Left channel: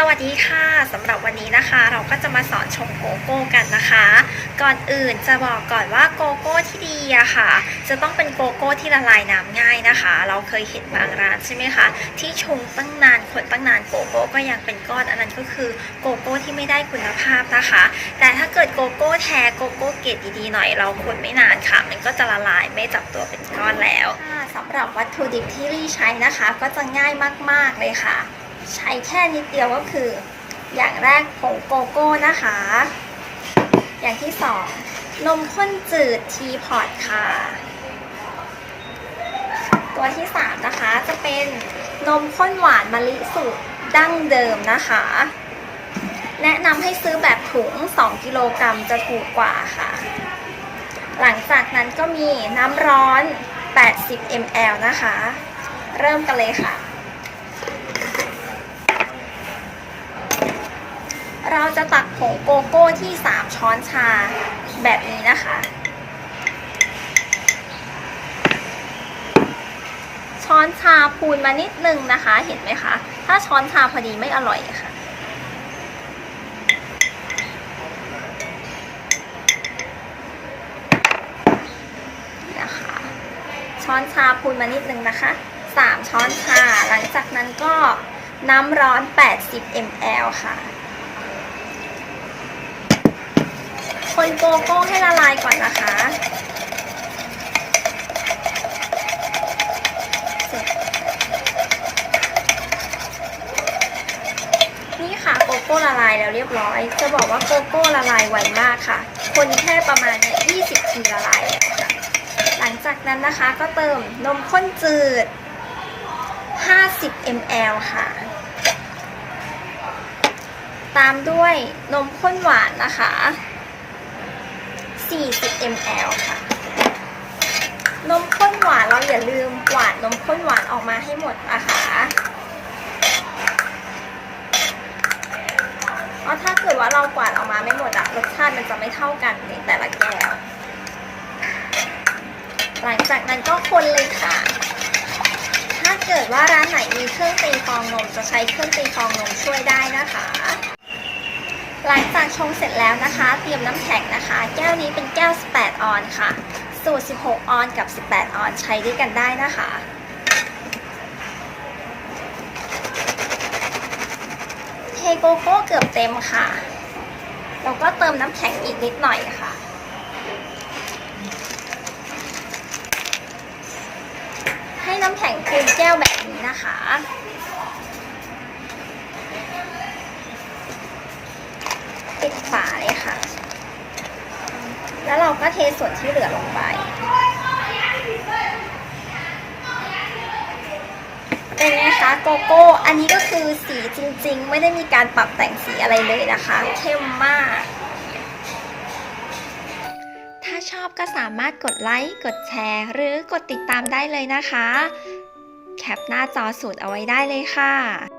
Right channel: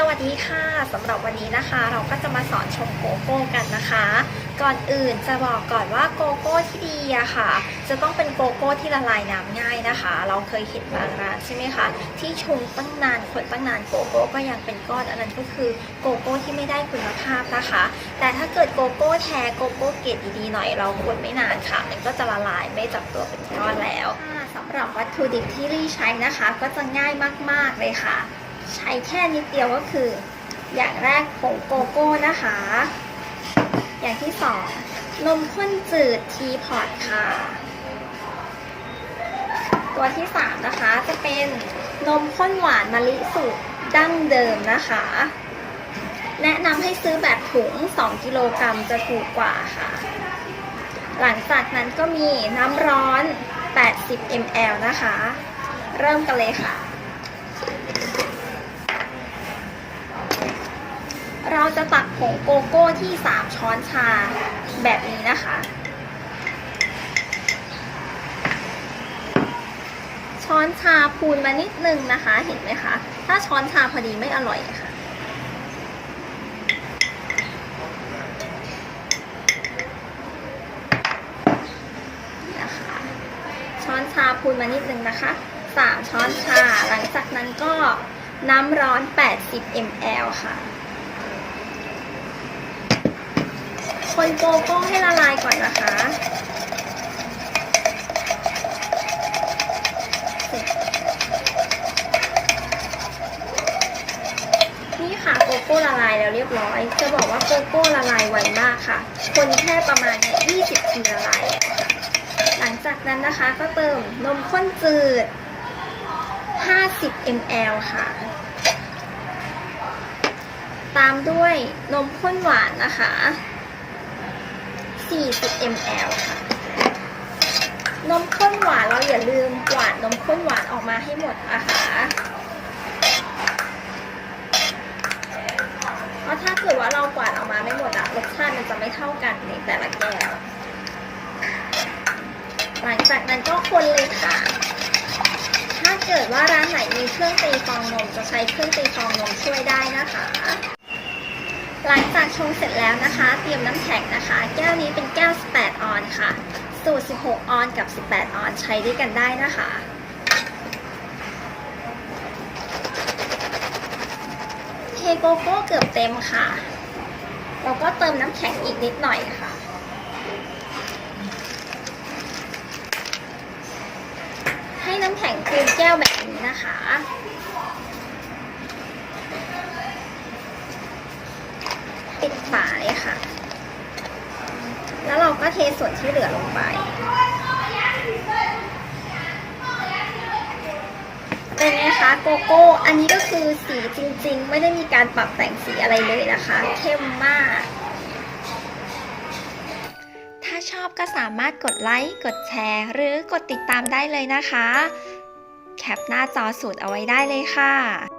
สวัสดีค่ะสำหรับวันนี้นะคะ เราก็จะมาสอนชงโกโก้กันนะคะ ก่อนอื่นจะบอกก่อนว่าโกโก้ที่ดีอะค่ะ จะต้องเป็นโกโก้ที่ละลายน้ำง่ายนะคะ เราเคยเห็นบางร้านใช่ไหมคะที่ชงตั้งนานคนตั้งนานโกโก้ก็ยังเป็นก้อนอันนั้นก็คือโกโก้ที่ไม่ได้คุณภาพนะคะ แต่ถ้าเกิดโกโก้แท้โกโก้เกรดดีๆหน่อยเราคนไม่นานค่ะ มันก็จะละลายไม่จับตัวเป็นก้อนแล้วสำหรับวัตถุดิบที่รีใช้นะคะ ก็จะง่ายมากๆเลยค่ะ ใช้แค่นิดเดียวก็คือ อย่างแรกผงโกโก้นะคะ อย่างที่สองนมข้นจืดทีพอตค่ะ ตัวที่สามนะคะจะเป็นนมข้นหวานมะลิสูตรดั้งเดิมนะคะ แนะนำให้ซื้อแบบถุง 2 กิโลกรัมจะถูกกว่าค่ะ หลังจากนั้นก็มีน้ำร้อน 80 ml นะคะ เริ่มกันเลยค่ะ เราจะตักผงโกโก้ที่ 3 ช้อนชาแบบนี้นะคะ ช้อนชาพูนมานิดนึงนะคะ เห็นไหมคะ ถ้าช้อนชาพอดีไม่อร่อยค่ะนี่นะคะ ช้อนชาพูนมานิดนึงนะคะ 3 ช้อนชา หลังจากนั้นก็ น้ำร้อน 80 ml ค่ะ คนโกโก้ให้ละลายก่อนนะคะ นี่ค่ะโกโก้ละลายแล้วเรียบร้อย จะบอกว่าโกโก้ละลายไวมากค่ะ คนแค่ประมาณ 20ทีละลาย หลังจากนั้นนะคะก็เติมนมข้นจืด 50 ml ค่ะ ตามด้วยนมข้นหวานนะคะ 40 ml ค่ะ นมข้นหวานเราอย่าลืมหวานนมข้นหวานออกมาให้หมดนะคะเพราะถ้าเกิดว่าเรากวาดออกมาไม่หมดอะรสชาติมันจะไม่เท่ากันในแต่ละแก้ว หลังจากนั้นก็คนเลยค่ะ เกิดว่าร้านไหนมีเครื่องตีฟองนมจะใช้เครื่องตีฟองนมช่วยได้นะคะหลังจากชงเสร็จแล้วนะคะเตรียมน้ำแข็งนะคะ แก้วนี้เป็นแก้ว 18 ออนซ์ค่ะ สูตร 16 ออนซ์กับ 18 ออนซ์ใช้ด้วยกันได้นะคะ เทโกโก้เกือบเต็มค่ะ เราก็เติมน้ำแข็งอีกนิดหน่อยค่ะ ให้ น้ำแข็งเต็มแก้วแบบนี้นะคะ ปิดฝาเลยค่ะ แล้วเราก็เทส่วนที่เหลือลงไป เป็นไงคะโกโก้ อันนี้ก็คือสีจริงๆ ไม่ได้มีการปรับแต่งสีอะไรเลยนะคะ เข้มมาก ชอบก็สามารถกดไลค์ กดแชร์ หรือกดติดตามได้เลยนะคะ แคปหน้าจอสูตรเอาไว้ได้เลยค่ะ